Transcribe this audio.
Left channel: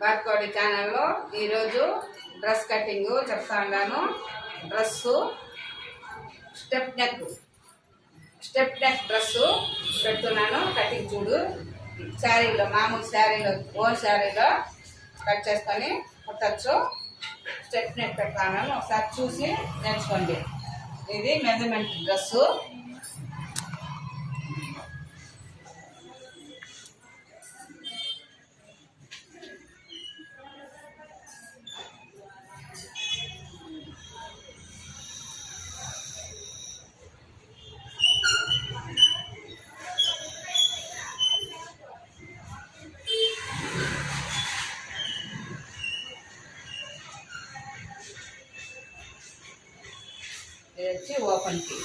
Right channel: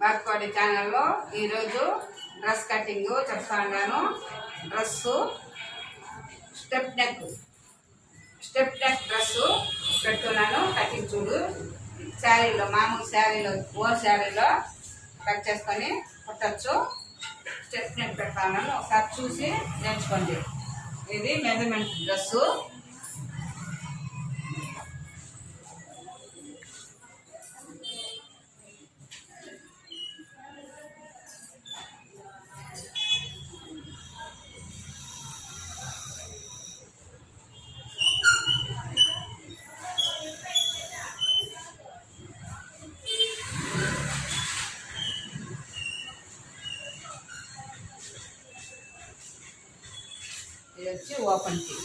బాత్కోడి ఛానల్లో ఈరోజు dress cutting చెప్తాను. డ్రెస్సు స్టెప్ నెక్ డ్రెస్సు పెడుతున్నాను. కటింగ్ చూడు. శారీలో మామూలు శారీలో ఓన్ శారీలో కట్ చేసుకొని కుట్టచ్చు. స్టెప్ నెక్ పెడతాను. ఒకసారి చూసి నేర్చుకోండి. ఇది మెజర్మెంట్ డ్రెస్సు. ఇది వచ్చి ఓపెన్ కి